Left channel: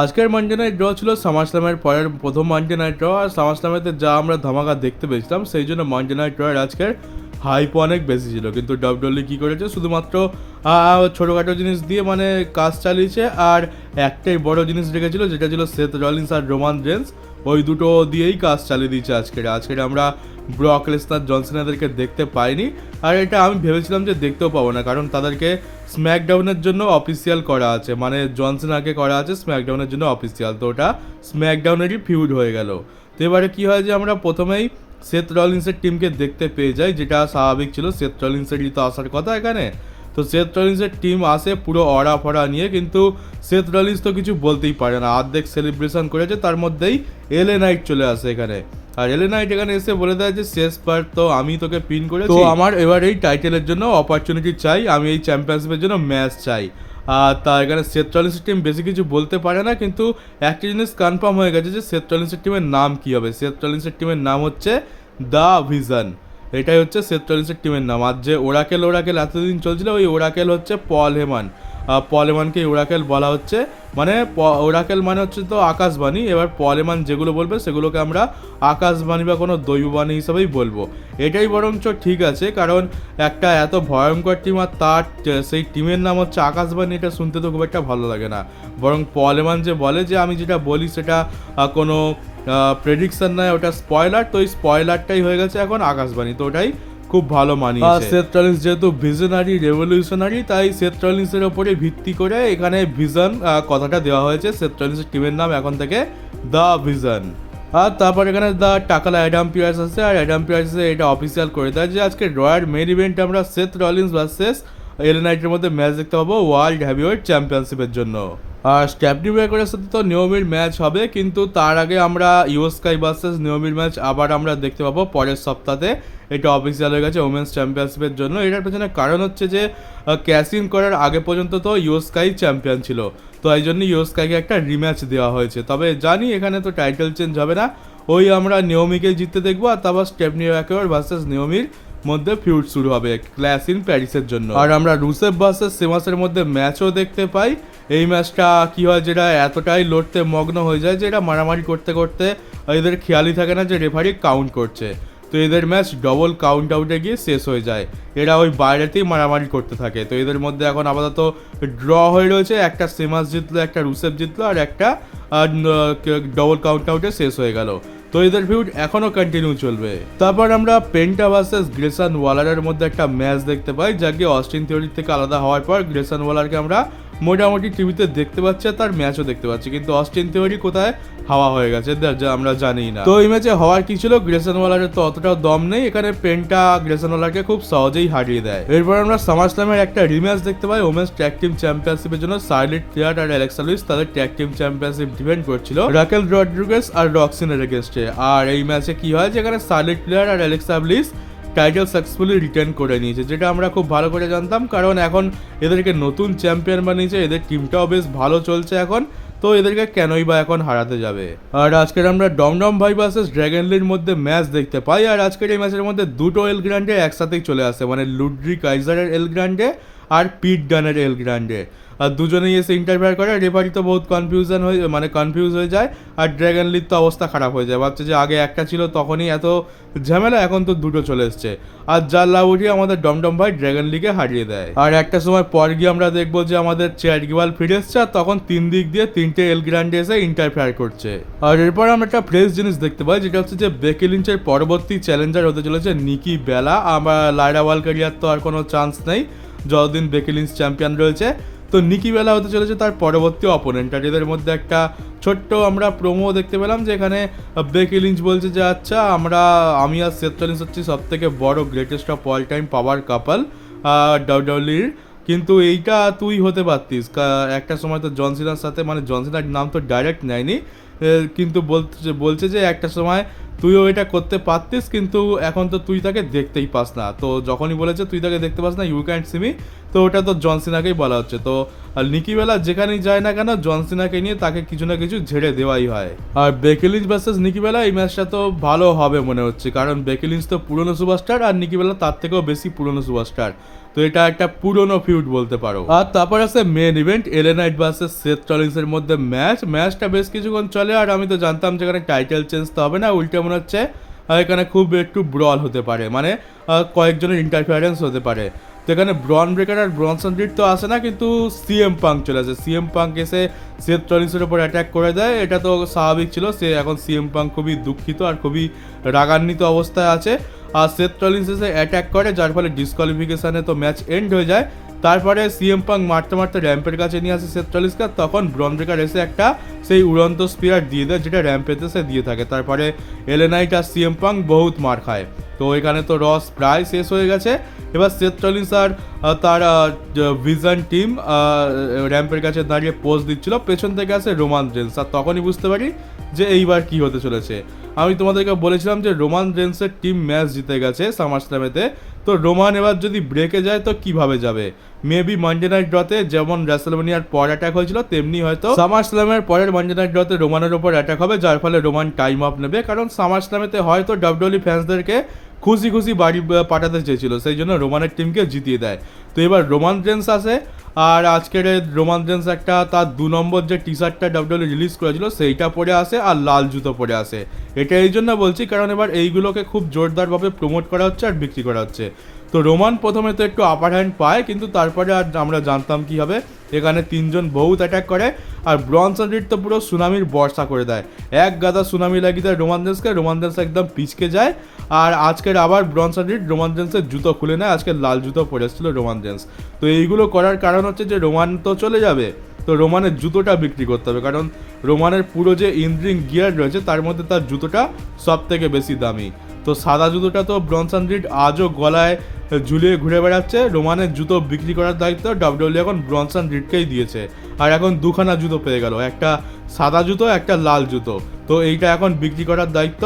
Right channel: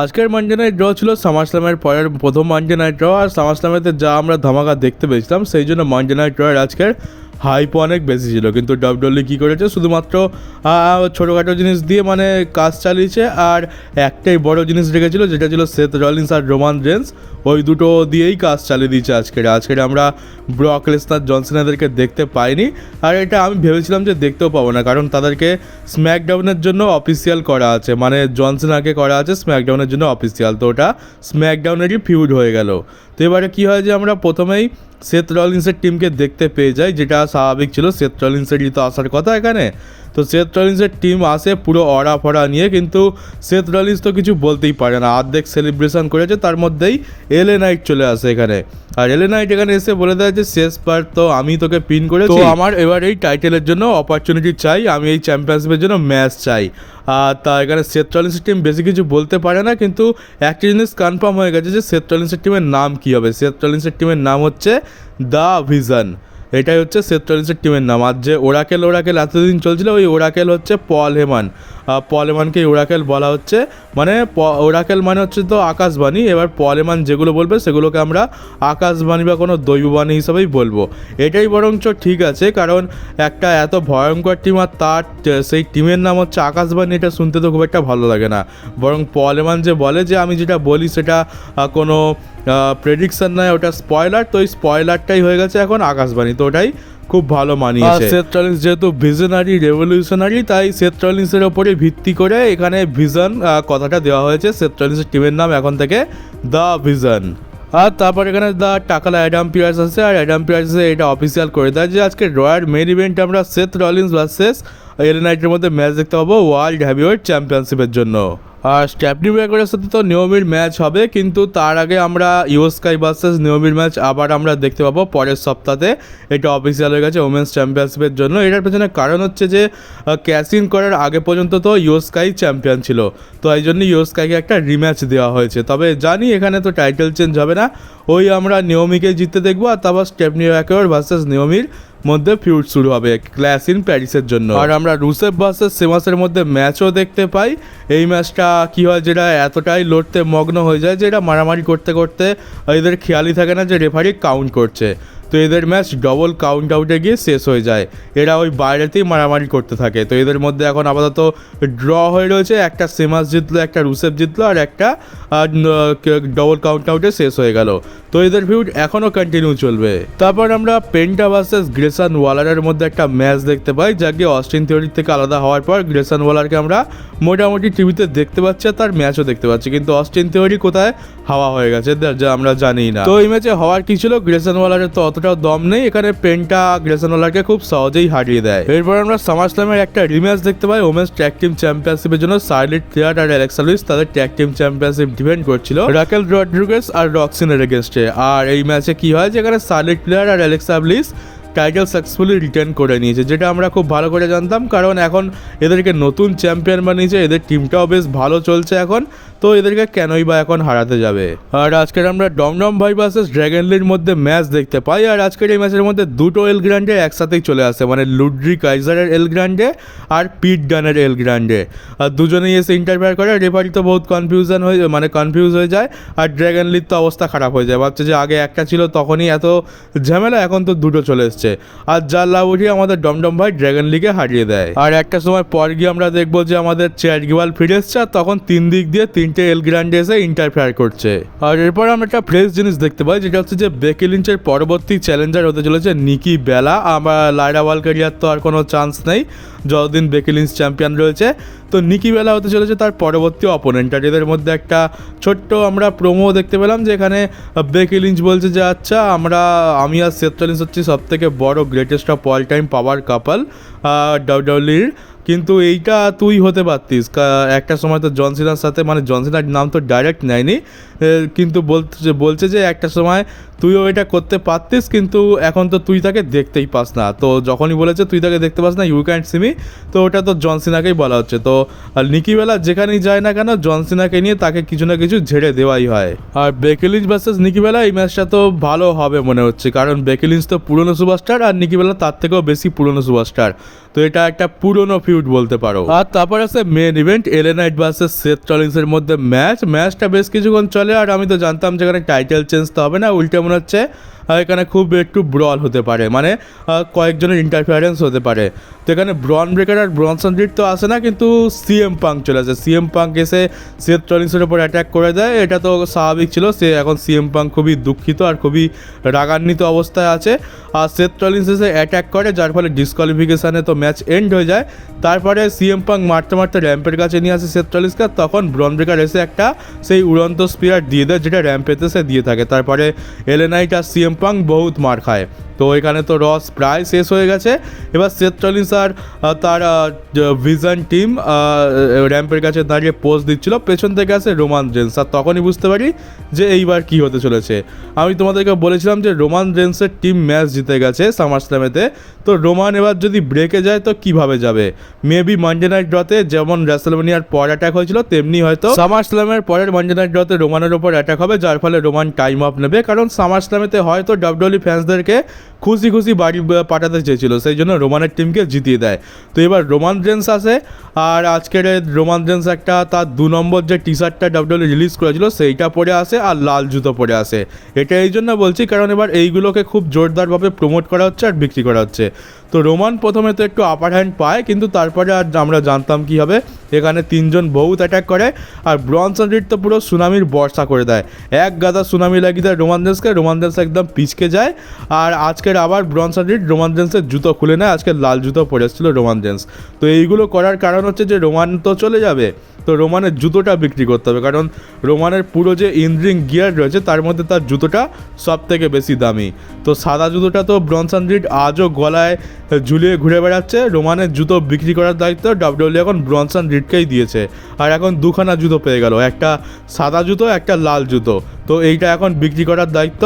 আজকের Monday night draw ছিল সামারস্ল্যামের পরের প্রথম মানডে নাইট ড্র, আর সামারস্ল্যামেতে যা আমরা ধামাকা দেখতে পেয়েছিলাম সেই জন্য মানডে নাইট ড্রয়ের আজকের হাইপ অনেক বেশি ছিল। কিন্তু ডাব্লিউডব্লিউ কী করেছে, শুধুমাত্র ছোটোখাটো জিনিস দিয়ে মানে কাজ চালিয়েছে, আর একটাই বড় জিনিস রেখেছিল যেটা ছিল সেথ রলিন্স আর রোমান রেন্স, ওই দুটো দিয়েই কাজ চালিয়ে দিয়েছে। আজকের আমরা ব্রক লেসনার জন সিনাদেরকে দেখতে পাইনি, আর এটা আমি ভেবেছিলাম যে দেখতেও পাবো না, কারণ তাদেরকে স্ম্যাকডাউনের জন্য অফিসিয়াল করা আছে, মানে জন সিনাকে করা আছে স্ম্যাকডাউনের জন্য অফিসিয়াল, তো ওটা স্ম্যাকডাউনেরই ফিউড হয়ে গেল। তো এবারে কী হয় যে আমরা প্রথমেই সেথ রলিন্সের টিমকে দেখতে পেয়ে যাই, যেটা স্বাভাবিক ছিল, সেথ রলিন্সেরই তো আসার কথা এখানে। তো সেথ রলিন্সের টিম আসে পুরো অড়া ফড়া নিয়ে, কিন্তু সেথ রলিন্স তো কিছু বলতেই পারে না, অর্ধেক সেলিব্রেশন করেছে, তার মধ্যেই এলএ নাইট চলে আসে এখানে। আর এলএ নাইট এখানে এসে বলে দেয় যে শেষবার তো আমি তোকে পিন করেছি, তো আমার এবার এই টাইটেলের জন্য অপরচুনিটি চাই, আমি এই চ্যাম্পিয়নশিপের জন্য ম্যাচ চাই। আর তা এখানে সেথ রলিন্সের টিম বেশি কিছু বলতে পারে না, কিন্তু একটা জিনিস কনফার্ম হয়ে গেছে যে সেথ রলিন্সের টিমের নাম কী হবে। সেথ রলিন্সের টিমের নাম হচ্ছে দ্য ভিশন, এটাই হচ্ছে সেথ রলিন্সের টিমের নাম। আর যে ওরাকেল এতদিন চলছিল, ওই ওরাকেল হচ্ছে পল হেমান হেমানকে ওরাকেল বলা হচ্ছে, মানে ওরাকেল মানে হচ্ছে তো আকাশবাণী। এবার পল হেমান যেগুলো বলবে সেগুলোকে আমরা আকাশবাণী বা কোনো দৈববাণী হিসাবেই বলবো। এটাই বরঞ্চ ঠিক আছে, কারণ একটা এত ভয়ঙ্কর টিম আর তার সেই টিমের নাম হচ্ছে আকাশবাণী, এটা শুনতে তো খুব একটা ভালো লাগে না। বরং পল হেমান যে বলে যে আমি যেটা বলি সেটা কোনো প্রেডিকশন নয়, ওটা স্পয়লার, তো ওই স্পয়লারটাই হয়ে গেছে এখন আকাশবাণী, তো ওটাই খুব ভালো মানিয়েছে। সেথ রলিন্স যেহেতু ভিশনারি রেভলিউশনারি, তাই সেথ রলিন্সের ওপরে ভিত্তি করে এখানে ভিশন কথাটা দেওয়া হয়েছে। সেথ রলিন্সের টিমের নাম এখন থেকে দ্য ভিশন। আর তারপর এখানে দ্য টাকালা অ্যাডাম পিয়ার্স আছে, আর অ্যাডাম পিয়ার্স এটা অফিসিয়াল করে দেয় যে আজকে রয়্যাল মেন ইভেন্ট আমরা সেথ রলিন্স ভার্সেস এলএ নাইটের মধ্যে ম্যাচ দেখতে পাবো ওয়ার্ল্ড হেভিওয়েট চ্যাম্পিয়নশিপের জন্য। আর স্টেফনি ব্রেকারের সাথে তো নিয়মির ম্যাচ হবে, কিন্তু তার আগে আমরা ইও স্কাই ভার্সেস নিয়মির ম্যাচ আবার আমরা দেখতে পাবো পরের সপ্তাহে। এটা অফিসিয়াল হয়ে গেছে ওমেন্স চ্যাম্পিয়নশিপের জন্য। এটার পেছনে কারণ হচ্ছে যে ক্যাশ ইন করার আগে পর্যন্ত তো ইও স্কাই চ্যাম্পিয়ন ছিল, তো এই জন্য ইও স্কাইকে একটা রিম্যাচ দেওয়া হয়েছে। তবে জানি এখানে তো টাইটেল চেঞ্জ হবে না, ওই আমরা নিয়মিকে জিততে দেখবো, আর তারপর স্টেফনি ব্রেকার ভার্সেস নিয়মির মধ্যে ফিউড শুরু হবে ক্ল্যাশ ইন প্যারিসের জন্য। আর আমরা রুসেফ ভার্সেস সেমাসের মধ্যে ম্যাচও দেখতে পাই। এই ম্যাচটা কী হয়, যেটা এতটাই লড়তে মগ্ন হয়ে যায় যে এটা মারামারি করতে করতে এদের খেয়ালই থাকে না যে রেফারি কাউন্ট করছে, তো এদের ম্যাচ ডবল কাউন্ট আউটে গিয়ে শেষ হয়ে যায়। এরা ওই বাইরেতেই মারামারি করতে থাকে। তো এদের মধ্যে এখন আপাতত ড্র হয়ে রয়েছে, একটা সেমাস জিতলো, একটা রুসেফ জিতলো, আর একটা ডবল কাউন্ট আউটে শেষ হয়ে গেল। তো এদের ফিউড এখনও কন্টিনিউ চলবে। তারপর আমরা পেন্টা ভার্সেস গ্রেসন ওয়ালারের মধ্যে একটা ম্যাচ দেখতে পাই, যাকে অস্টিন থিওরি থেকে আলাদা হওয়ার পর গ্রেসন ওয়ালারকে আমরা মোটামুটি টিভিতে দেখতে পাচ্ছি, আর তার ম্যাচও দেখতে পাচ্ছি, কিন্তু অস্টিন থিওরি কোথায় হাওয়া হয়ে গেছে যা আমরা জানি না। তো এই ম্যাচে হওয়ার কি ছিল, গ্রেসন ওয়ালারের তো অতটাও দম নেই, এখানে পেন্টা গ্রেসন ওয়ালারকে খুব সহজেই হারিয়ে দেয়। এরপর আমরা সামারস্ল্যামের একটা রিম্যাচ দেখতে পাই ওমেন্স ট্যাগ টিম চ্যাম্পিয়নশিপের জন্য। শার্লেট ফ্লেয়ার আর অ্যালেক্সা লুইস তাদের ট্যাগ টিম চ্যাম্পিয়নশিপ ডিফেন্ড করছিল রাকেল রড্রিগেজ আর রক্সিনের এগেনস্টে। আর এই ম্যাচে কি হয়, যেখানে শার্লেট ফ্লেয়ার আর Alexa Lewis title successfully return করে নিয়েছে, যেটা আমরা খুব ভালো করে জানতাম, কারণ এখন এদেরকে নতুন চ্যাম্পিয়ন বানিয়েছে, এদের টিমটাও বেশ ভালো চলছে এখন, তো এদেরকে কেনই বা এখন হারাতে যাবে। আর আজকের আমরা ডমডম ভাই ভার্সেস ড্র্যাগন লির মধ্যে ম্যাচ দেখতে পাই, আর আজকের এই ম্যাচের মধ্যে দুটো এল গ্র্যান্ডে একসাথেই চলে আসে, মানে লুড্রি কাইজারের এল গ্র্যান্ডে আর পিট ডানের এল গ্র্যান্ডে, আর দুজনেই এসে ইন্টারফেয়ার করে। রেফারি তো বহুত কনফিউজ হয়ে যায়, আর ড্র্যাগন লির তো অবস্থা খারাপ হয়ে যায়, ভাবছে যে আগে একটা ছিল তখনই এত ঝামেলা, এখন তো দুটো চলে এসছে, আর যার লাভ উঠিয়ে আমাদের ডমডম ভাই ড্র্যাগন লিগে হারিয়ে দেয়। আর একটা সময় পর গিয়ে আমরা দেখবো যে আমাদের চ্যাড গিবাল ফিরে এসছে, আর তখন তিন দিক দিয়ে তিনটে এল গ্র্যান্ডে এসে ইন্টারফেয়ার করছে। আর এরপর আমরা একটা ফ্রেশ জিনিস দেখতে পাই, যেটা হচ্ছে যে বেকি লিঞ্চের পরবর্তী চ্যালেঞ্জার হতে চলেছে নিকি বেলা। আমরা লাইরা ওয়ালকারিয়ার তো আর কোনো চান্স নেই যতদিন বেকি লিঞ্চ চ্যাম্পিয়ন রয়েছে, তো নিকি বেলা হতে চলেছে তার পরবর্তী অপোনেন্ট। আর এদের মধ্যে একটা ছোট্ট আমরা প্রোমো দেখতে পেলাম, যেখানে বেকি লিঞ্চ বলছে যে আচ্ছা আমি আর সেথ রলিন্স হচ্ছি সব থেকে বড় গ্রেটেস্ট অফ অল টাইম পাওয়ার কাপল ডাব্লিউডব্লিউইর, কিন্তু এইটা তুই হতে পারতিস, একটা সময় তো জন সিনার সাথে, মানে জন সিনার নাম তো ডাইরেক্ট নেয়নি, কিন্তু বলছে যে একটা সময় তুইও এটা করতে পারতিস, কিন্তু এখন তো তুই তাকে দেখতেই পাস না। তো যখনই বলেছে তুই তাকে দেখতে পাস না, ইউ ক্যান্ট সি মি, তো ওটা তো জন সিনাকেই বলা হচ্ছে। তো নিকি বেলা যেখানেই যায় না কেন জন সিনাকে নিয়ে তাকে কিছু না কিছু ঝেড়ে দেওয়াই হয়। আর বেকি লিঞ্চ ভার্সেস নিকি বেলা, এই ম্যাচটা তো ভালো হবে মনে হচ্ছে, কারণ বেকি লিঞ্চ তো পুরনো সুপারস্টার আর নিকি বেলা তার থেকেও বেশি পুরনো সুপারস্টার। তো এটা একটা পুরনো ফিউড বলতে পারো। আর তারপর আছে main event, LA Knight versus Seth রলিন্সের মধ্যে ম্যাচটা বেশ কিছুক্ষণ চলে। আর আমি তো জানতাম যে এখানে টাইটেল চেঞ্জ তো হবে না, উল্টে মনে হচ্ছে এখানে খুব একটু ব্রল হতে পারে, মানে কয়েকজনের ইন্টারফিয়ারেন্স হতে পারে। তো এখানে ব্রন ব্রেকার আর ব্রনসন রিড তো আসে না, কিন্তু সিএম পাঙ্ক চলে আসে। সিএম পাঙ্ক এসে সেথ রলিন্সের উপর অ্যাটাক করে দেয়, এটা তো স্বাভাবিক ছিল। এখন সিএম পাঙ্ক খুবই দুঃখিত আর খুবই রাগান্বিত অবস্থায় আছে। আর সেথ রলিন্স এসে অ্যাটাক করে, যার ফলে ডিসকোয়ালিফিকেশানে তো ম্যাচ এন্ড হয়ে যায়। তারপরে সিএম পাঙ্ক মারতে মারতে র্যাম্পের কাছে নিয়ে আসে সেথ রলিন্সকে, তখন ব্রন ব্রেকার এসে একটা সেই উড়ন্ত স্পিয়ার দিয়ে দেয়, যেটা র্যাম্পেতে সে দিয়ে থাকে। তারপরে এলএ নাইট আর সিএম পাঙ্ক বহুত মার খায়। তো এখানে তো রস প্রায় শেষ হয়ে গেছে। এবার সেথ রলিন্স আর তার ভিজন টিম র্যাম্পের কাছে দাঁড়িয়ে পোজ দিচ্ছিল, পেছন থেকে আসে রোমান রেন্স। আর তখনই বুঝতে পারি যে এইবার কি হতে চলেছে। আমি তোমাদেরকে বলেছিলাম যে রোমান রেন্সের টিম ম্যাচ জিতে গেছে সামার স্ল্যামেতে। তো রোমান এবার যদি ব্রেকে যায় তো কিভাবে যাবে? মেবি মানডে নাইট ড্রতে যেমন রেসলম্যানিয়ার পর অ্যাটাক হয়েছিল, তেমনি হয়তো সামার স্ল্যামের পরের মানডে নাইট ড্রতে রোমানের ওপর অ্যাটাক হবে, যার ফলে রোমান টাইম অফ নেবে। কারণ সামার স্ল্যামেতে হয়তো ডাব্লিউডব্লিউই ফ্যান্সদেরকে খুশি খুশি বাড়ি পাঠাতে চেয়েছিল, সেই জন্য রোমানের টিমকে জিতিয়ে দেয়। তো এবার রোমান রেন্স আসে, আর আজকের রোমান রেন্স একটা তার 2 নম্বর যে টি শার্টটা ডাব্লিউডব্লিউই রিলিজ করেছিল সেইটা পরে আসে, আর লাল জুতো পরে আসে। এটা এই জন্য বলছি কারণ এবার এইগুলোকে খুব জোরদারভাবে প্রমোট করা হচ্ছে আর বিক্রি করা হচ্ছে। তো রোমান প্রথমে তো একটু আপার হ্যান্ড পায়, কিন্তু তারপরে আর আমরা জানতাম কী হবে। এখানে 3 জন বহুত অ্যাটাক করে, আর ব্রনসন রিড তো পুরো সুনামির বর্ষা করে দেয়, এক গাদা সুনামি লাগিয়ে দেয় রোমান রেন্স একদম পিচকে যায়। আর আজকের আবার ব্রনসন রিড রোমান রেন্সের জুতো খুলে নেয়, আজকে লাল জুতো পরে এসেছিল রোমান রেন্স। তো এইগুলো করার কারণ হচ্ছে যে রোমান তো চলে যাবে, তো রোমানের জুতোটা বিক্রি করতে হবে, কারণ রোমানের পুরো যে ইনরিং গিয়ার রয়েছে তার মধ্যে তার জুতোটা সব থেকে বেশি দামি। তো সাদা জুতোটা তো ব্রনসন রিড আজও গলায় ঝুলিয়ে ঘুরে বেড়াচ্ছে। রোমানের জুতো বিক্রি করার দায়িত্ব ডাব্লিউডব্লিউই এখন ব্রনসন রিডকেই দিয়েছে। আর এখন 2খানা জুতো পেয়ে গেল, একটা সাদা জুতো একটা লাল জুতো। তো এইটা এখন বিক্রি করার দায়িত্ব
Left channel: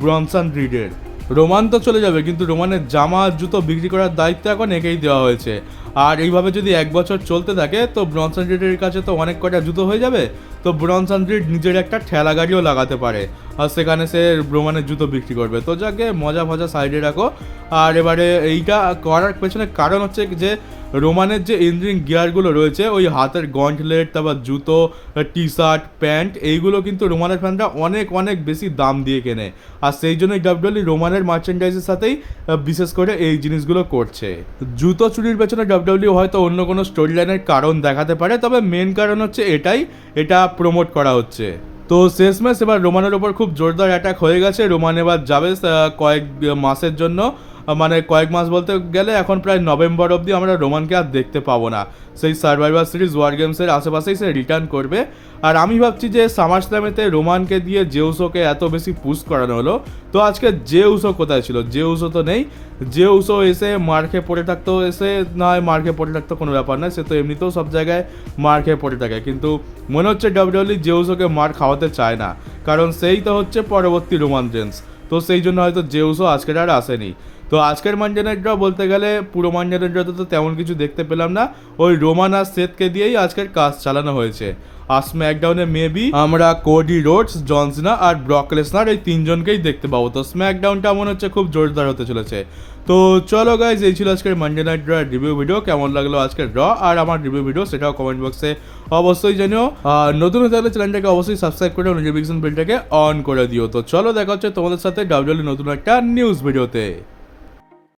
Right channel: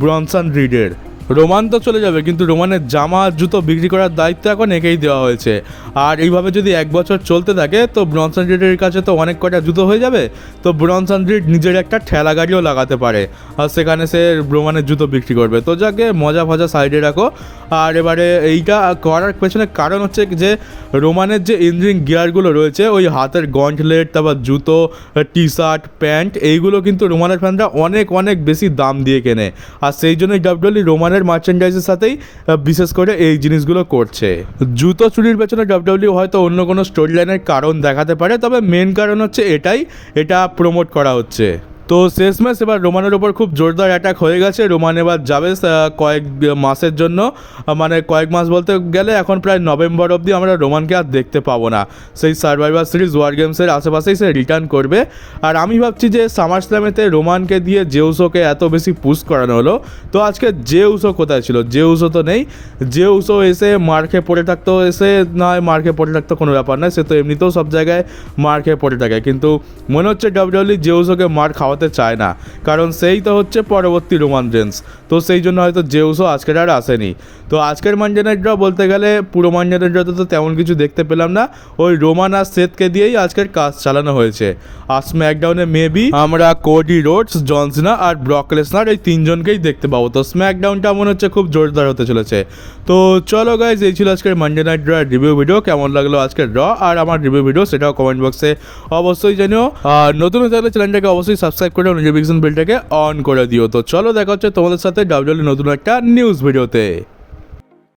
ব্রনসন রিডের। রোমান তো চলে যাবে, কিন্তু রোমানের জামা জুতো বিক্রি করার দায়িত্ব এখন একেই দেওয়া হয়েছে। আর এইভাবে যদি 1 বছর চলতে থাকে তো ব্রনসন রিডের কাছে তো অনেক কটা জুতো হয়ে যাবে। তো ব্রনসন রিড নিজের একটা ঠেলা গাড়িও লাগাতে পারে, আর সেখানে সে রোমানের জুতো বিক্রি করবে। তো যাকে মজা ফজা সাইডে রাখো। আর এবারে এইটা করার পেছনে কারণ হচ্ছে যে রোমানের যে ইঞ্জিন গিয়ারগুলো রয়েছে, ওই হাতের গন্টলেট, তারপর জুতো, টি শার্ট, প্যান্ট, এইগুলো কিন্তু রোমানের ফ্যানরা অনেক অনেক বেশি দাম দিয়ে কেনে। আর সেই জন্যই ডাব্লিউডব্লিউই রোমানের মার্চেন্ডাইজের সাথেই বিশেষ করে এই জিনিসগুলো করছে। জুতো চুরির পেছনে ডাব্লিউডব্লিউই হয়তো অন্য কোনো স্টোরি লাইনের কারণ দেখাতে পারে, তবে মেন কারণ হচ্ছে এটা প্রমোট করা হচ্ছে। তো শেষমেশ এবার রোমানের ওপর খুব জোরদার অ্যাটাক হয়ে গেছে। রোমান এবার যাবে কয়েক মাসের জন্য, মানে কয়েক মাস বলতে গেলে এখন প্রায় নভেম্বর অবধি আমরা রোমানকে আর দেখতে পাবো না। সেই সার্ভাইভার সিরিজ ওয়ার গেমসের আশেপাশেই সে রিটার্ন করবে। আর আমি ভাবছি যে সামার স্ল্যামেতে রোমানকে দিয়ে জেউসোকে এত বেশি পুশ করানো হলো, তো আজকে জেউসো কোথায় ছিল? জেউসো তো নেই। জেউসো এসে মার খেয়ে পড়ে থাকতো, এসে নয় মার খেয়ে পড়ে থাকতো কোনো ব্যাপার নয়, সে তো এমনিতেও সব জায়গায় মার খেয়ে পড়ে থাকে। কিন্তু মনে হচ্ছে ডাব্লিউডব্লিউই জেউসোকে মার খাওয়াতে চায় না, কারণ সেই তো হচ্ছে পরবর্তী রোমান রেন্স। তো সেই জন্য হয়তো জেউসও আজকের আর আসেনি। তো আজকের মানডে নাইট ড্র বলতে গেলে পুরো মানডে নাইট ড্রতে তো তেমন কিছু দেখতে পেলাম না, ওই রোমান আর সেথকে দিয়েই আজকের কাজ চালানো হয়েছে। আর স্ম্যাকডাউনে মেবি আমরা কোডি রোডস, জন সিনা আর ব্রক লেসনার এই 3 জনকেই দেখতে পাবো। তো স্ম্যাকডাউনটা মনে হচ্ছে খুব জোরদার হতে চলেছে। তো চলো গাইজ, এই ছিল আজকের Monday night draw review video. কেমন লাগলো আজকের ড্র আর আমার রিভিউ ভিডিও সেটাও কমেন্ট বক্সে অবশ্যই জানিও। আর নতুন হয়ে থাকলে চ্যানেলটাকে অবশ্যই সাবস্ক্রাইব করে নোটিফিকেশন বেলটাকে অন করে দিও। তো চলো দেখা হচ্ছে তোমাদের সাথে ডাব্লিউডব্লিউই নতুন একটা নিউজ ভিডিওতে।